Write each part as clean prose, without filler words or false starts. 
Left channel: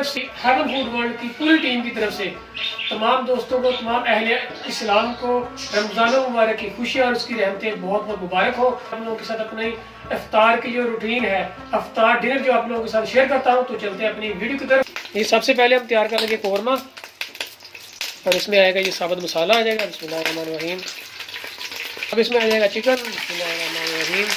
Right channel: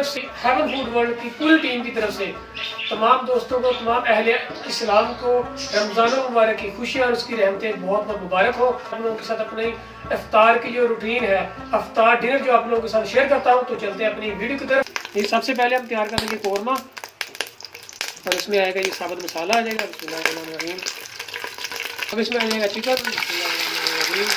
तरफ से, haven food world की पूरी टीम की तरफ से तमाम दोस्तों को, तमाम अहले इस्लाम को रमज़ान मुबारक की खुशियाँ और उसकी रहमतें बहुत बहुत मुबारक हो। हम लोगों के साथ अपनी इफ्तार की जो रूटीन है, इफ्तार डिनर जो आप लोगों के साथ शेयर करता हूँ। तो चलते हैं अपनी वीडियो की तरफ। ये सबसे पहले हम तैयार करेंगे कौरमा, और इसमें आएगा ये साबुत मसाला आ जाएगा, बिस्मिल्लाहिर्रहमानिर्रहीम। अब इसमें आ जाएगा चिकन, बिस्मिल्लाहिर्रहमानिर्रहीम।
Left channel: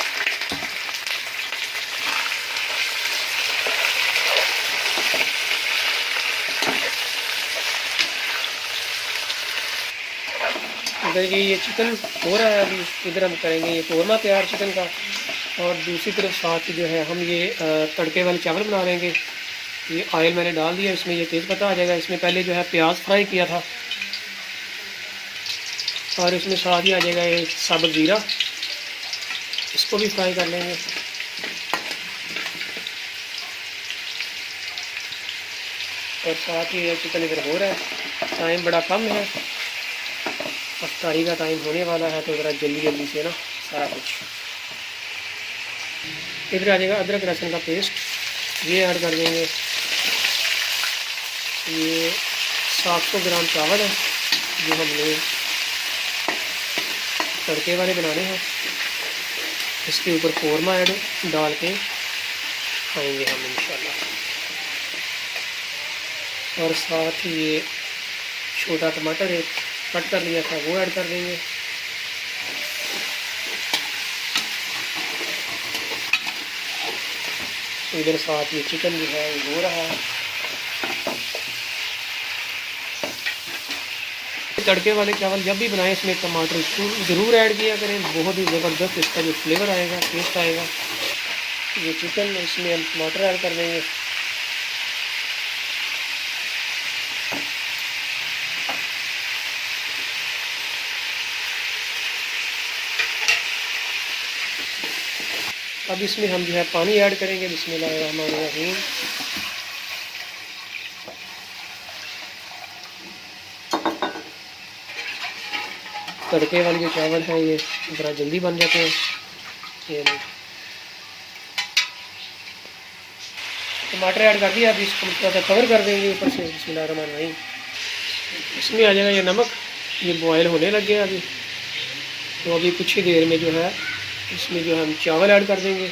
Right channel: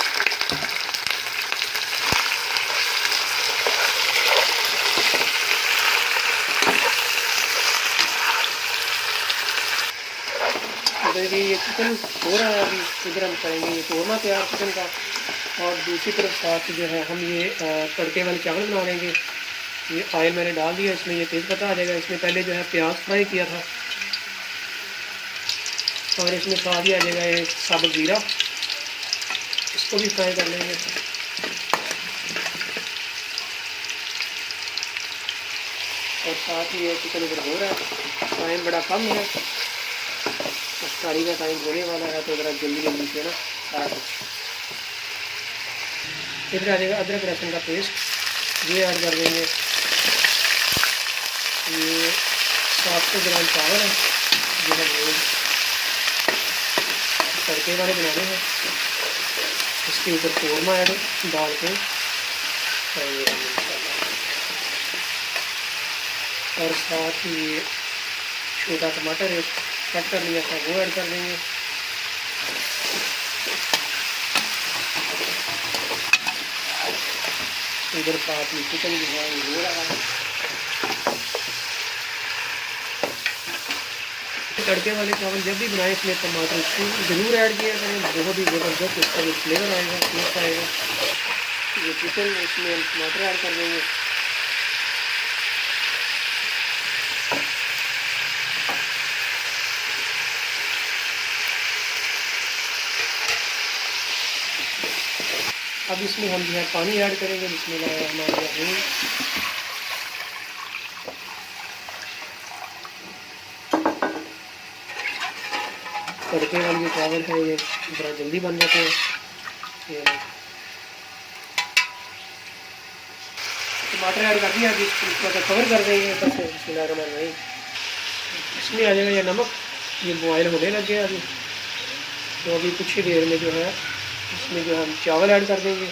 इधर ये चिकन हो रहा है, अभी इधर हम करेंगे ये कौरमा तैयार चिकन का। और दूसरी तरफ साथ जो है हम ये तड़के वाले चावल बना लेंगे। ये ऑयल मैंने डाल दिया, इसमें ये तेज़ पत्ता आ जाएगा। इसमें पहले जो है प्याज फ्राई किया था, और इसमें साथ ही आ जाएगा ये साबुत ज़ीरा, इसको भी फ्राई कर लेंगे। और साथ ही ये चिकन इधर हो रहा है। टाइम बड़ा कम है, अफ्तारी का टाइम होने वाला है, तो ज़रा जल्दी जल्दी से ना सारा कुछ। इधर आ जाएगा अदरक लहसुन का पेस्ट, ये ऐड कर देंगे। ये 700 ग्राम चावल है, ये हम लोग तड़के वाले बनाने हैं। इसके ऊपर कौरमा ऐड डाल के खाएंगे हम इंशाल्लाह। और साथ ही ये छोटा टमाटर एक कट कर लिया था, वो ऐड कर देंगे। इधर साथ ये चिकन जो है हो रहा है। तड़के वाले चावल जब भी बनाएं, इसमें टमाटर ज़रूर ऐड किया करें, बहुत ही ज़बरदस्त इसका जो फ्लेवर आएगा, टेस्ट आएगा। ये चिकन, इसमें हम टमाटर ऐड कर देंगे। अब इसमें हम जो है पानी ऐड करेंगे, बिस्मिल्लाहिर्रहमानिर्रहीम। तड़के वाले जो चावल हैं ये बड़ा जल्दी बन जाते हैं। ये टमाटर ऐड कर दिया, अभी इसको थोड़ा सा कवर कर देंगे ऊपर से, बिस्मिल्लाहिर्रहमानिर्रहीम। इसमें आ जाएगा ये नमक, ये बॉयल होने लग गया अभी। तो अभी कुछ ही देर में जो है इसमें जो हम चावल ऐड कर देंगे।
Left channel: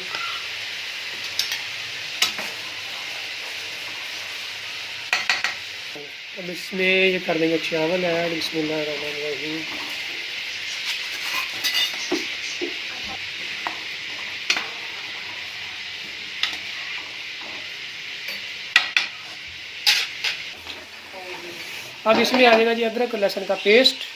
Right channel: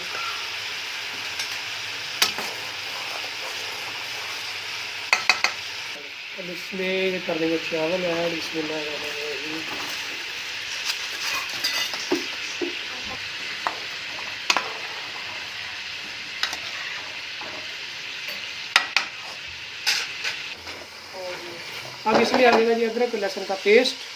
अब इसमें ये कर देंगे चावल ऐड, बिस्मिल्लाहिर्रहमानिर्रहीम। अब इसमें आ जाएगा जी अदरक लहसुन का पेस्ट।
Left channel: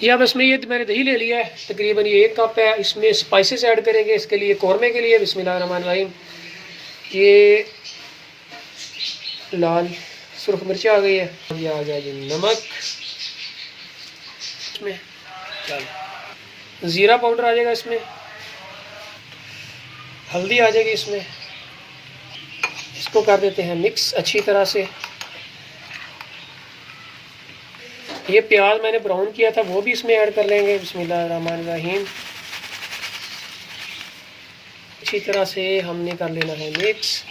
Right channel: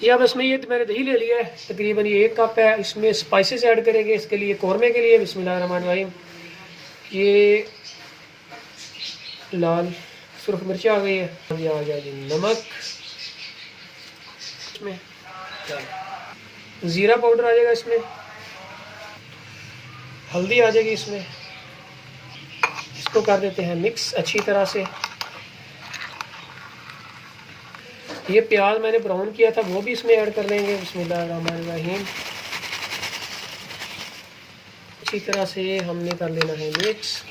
ये अब इसमें ये मैंने दही ले लिया है, तकरीबन ये 1 कप है। इसमें स्पाइसेस ऐड करेंगे इसके लिए, कौरमे के लिए, बिस्मिल्लाहिर्रहमानिर्रहीम। ये लाल सुर्ख मिर्च आ गई है, ये आ जाएगी नमक, इसमें ज़ीरा पाउडर आ जाएगा, इसमें हल्दी आ जाएगी, इसमें इसको कर देते हैं मिक्स अच्छी तरह से। ये प्याज मैंने ब्राउन किया था, वो भी इसमें ऐड कर लेंगे, बिस्मिल्लाहिर्रहमानिर्रहीम। अच्छी तरह से हमने कर लेना है मिक्स।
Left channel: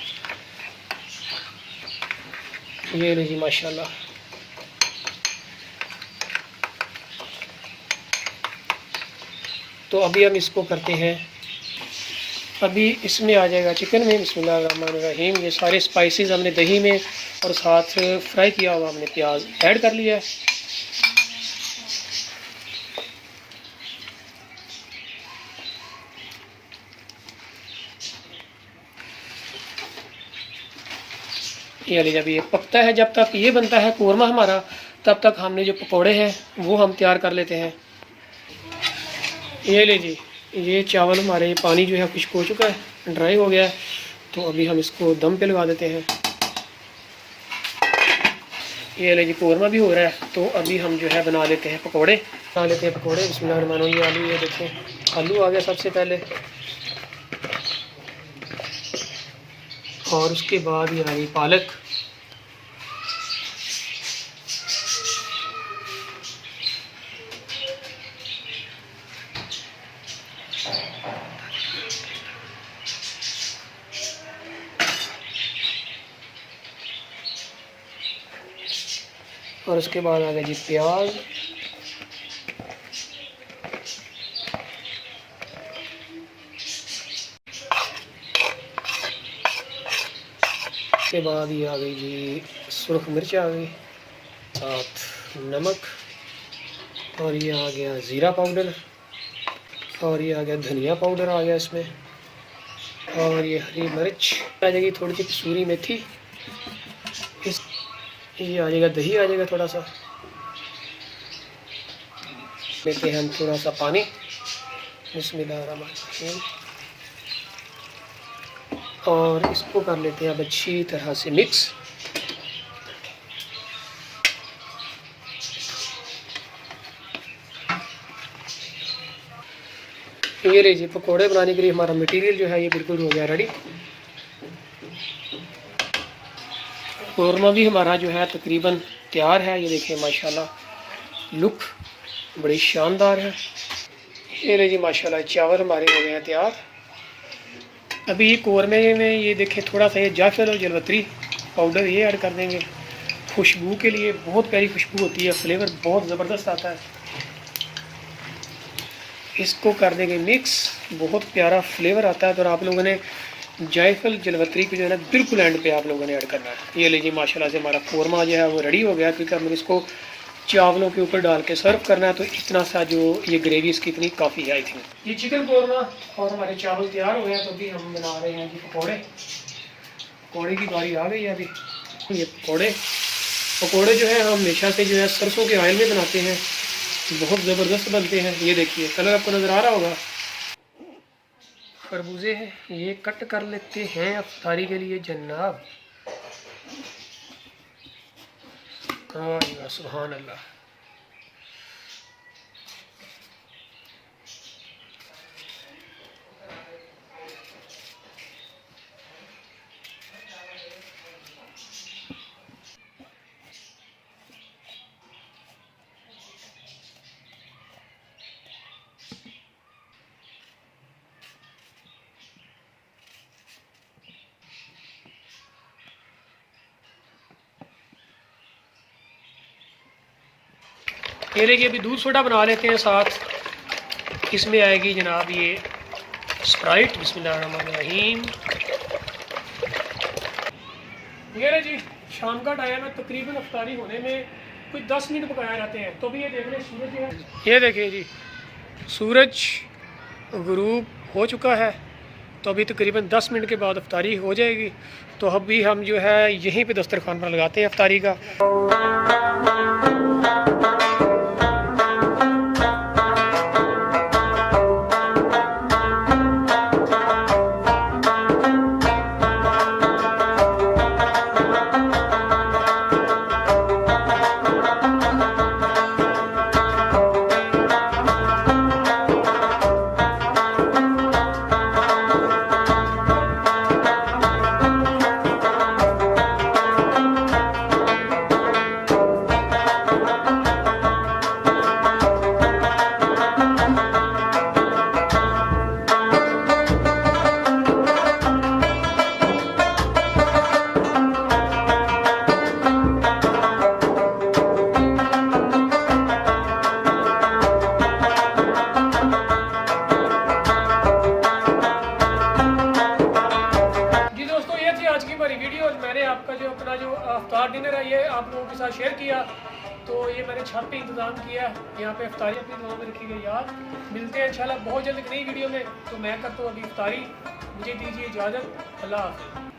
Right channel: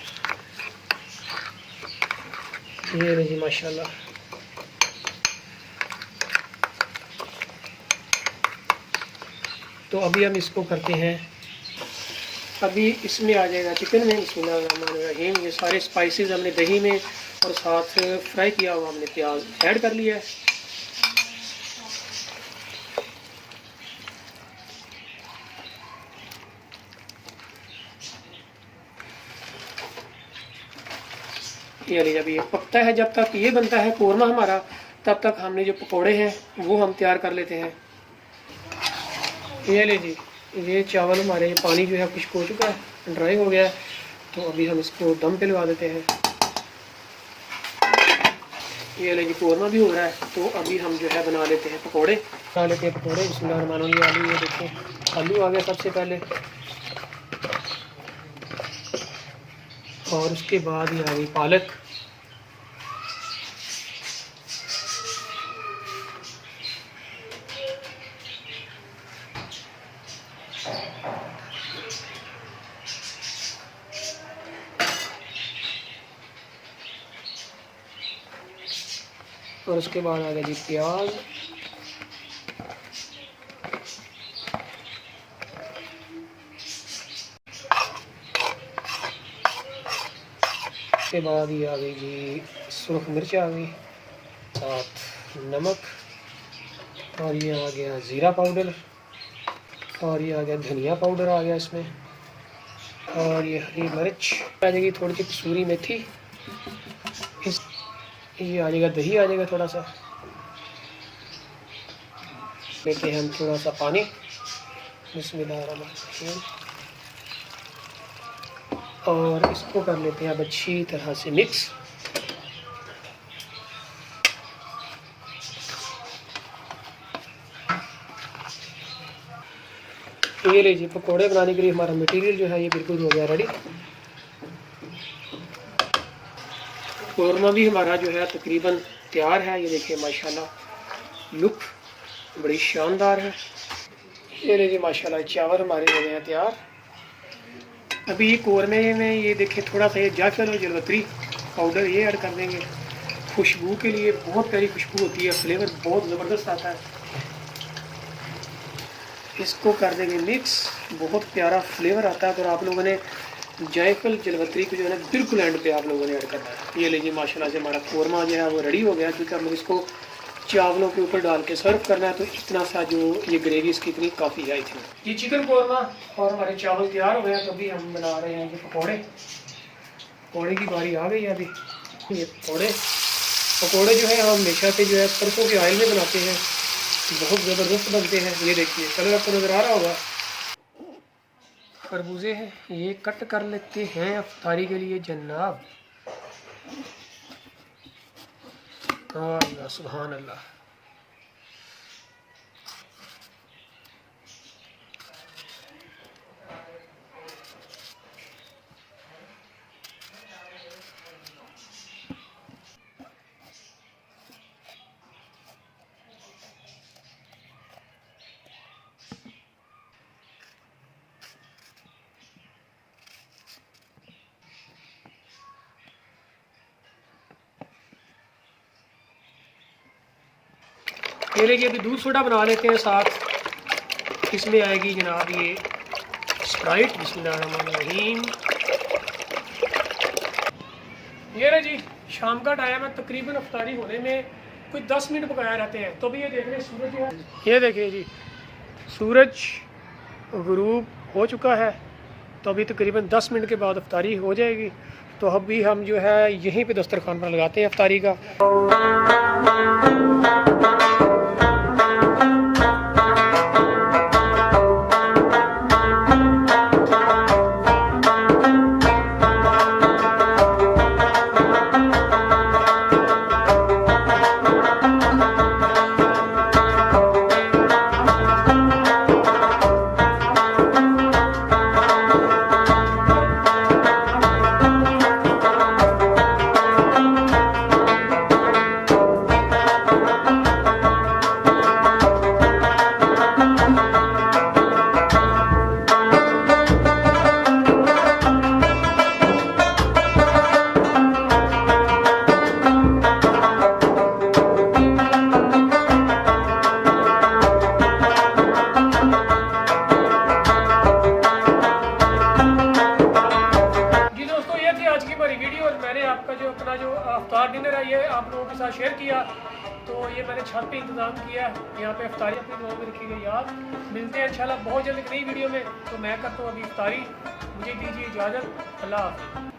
ये रही माशाल्लाह। तो अभी हम इसको करते हैं, अभी इसमें आ जाएगा चिकन में, बिस्मिल्लाहिर्रहमानिर्रहीम। ये सारे स्पाइसेस हमने दही में और साथ फ्राई किया हुआ हमने प्याज ऐड कर लिया है। ये जब ये पकता है, जब तक ये बनता है कौरमा हमारा, तब तक हमने जो पकौड़े हैं वो हम तैयार कर लेते हैं। ये ले जी, ये चावल हमारे, ये पानी जो है खुश्क हो चुका है, ड्राई हो गया है। तो अभी हम इसको दम पे लगा देते हैं। ये ले जी, कौरमा भी हो रहा है। तो अभी हम जो है बना लेते हैं पकौड़े, बना लेते हैं पकौड़े। बिस्मिल्लाहिर्रहमानिर्रहीम। ये आलू, ये देखो आलू आ गया सबसे पहले, और उसके बाद ये आ गई पालक। और उसके बाद आ गया जी प्याज, उसके बाद ये आ गई जी सुर्ख मिर्च आ गई, साथ नमक, और ये आ गया ज़ीरा पाउडर, और ये आ गया धनिया पाउडर आ गया इसमें, और ये हरी मिर्च आ जाएगी, थोड़ी सी कसूरी मेथी, ये आ जाएगा दही आ जाएगा थोड़ा सा, लेते हैं हम थोड़ा सा पानी, बिस्मिल्लाहिर्रहमानिर्रहीम, और इसको कर लेते हैं अब अच्छी तरह से मिक्स। ये रही जी पकौड़े बनाने के लिए हमारा मटेरियल जो है ये बिल्कुल हो गया रेडी। कौरमा भी हमारा जो है तकरीबन तैयार है। ये देखिए माशाल्लाह लुक बड़ी शानदार है। ये रही जी माशाल्लाह चावल हमारे हो गए हैं तैयार। अभी ये कौरमे में ये देखिए थोड़ा सा ये जायफल और जलवतरी पाउडर ये ऐड कर देंगे खुशबू के लिए। बहुत प्यारी खुशबू होती है, फ्लेवर बहुत ज़बरदस्त आता है। इसको कर देंगे मिक्स, बहुत प्यारा फ्लेवर आता है। तो आप लोगों ने जायफल जलवतरी को जो है ना बिल्कुल एंड पे आप लोगों ने ऐड करना है। ये लीजिए माशाल्लाह से हमारा कौरमा जो है वो रेडी हो गया, क्योंकि हमने इसको चावलों के ऊपर डाल के सर्व करना है। तो इतना सा जो ये ग्रेवी इसकी इतनी काफ़ी है। आई थिंक ये चिकन कौरमा और हमारे चावल तैयार हो गए हैं। तो अभी हम बना रहे हैं जी पकौड़े। पकौड़े की बारी आ गई है अभी। ये पकौड़े जो है हम हमेशा से जो है सरसों के ऑयल में बनाते हैं, बहुत ज़बरदस्त बनते हैं। ये देखिए कलर आपको नज़र आ रहा होगा। खरबूजे हैं ये कट कर लेते हैं अफ्तारी के लिए जनाब। सुभान अल्लाह। ये लीजिए अभी दूध सोडा बना लेते हैं साथ। इसमें आएगी जनाब ये स्प्राइट। बिस्मिल्लाहिर्रहमानिर्रहीम। ये रहे जी शाम का टाइम है, तकरीबन अफ्तारी होने में कुछ 10 मिनट पकाया रहते हैं। तो भी ये देख रहे हैं सूरज जो है, ये देखिए जी सूरज गुरूब हो चुका है। तो अभी तकरीबन 10 मिनट के बाद अफ्तारी हो जाएगी। तो अभी हम जो है यहीं पे दस्तरखान पर लगाते हैं अफ्तारी का। वीडियो मैंने आपका जो अपना जो अफ्तार डिनर है ये आप लोगों के साथ शेयर किया। तो ये मैंने छत पे इंतज़ाम किया है, यहाँ पे अफ्तारी अपनी दुआ में रखी गई याद। मिलते हैं इंशाल्लाह बहुत जल्द एक नई वीडियो में। तो मैं करता हूँ अभी अफ्तारी, मुझे दीजिए इजाज़त। अल्लाह हाफ़िज़।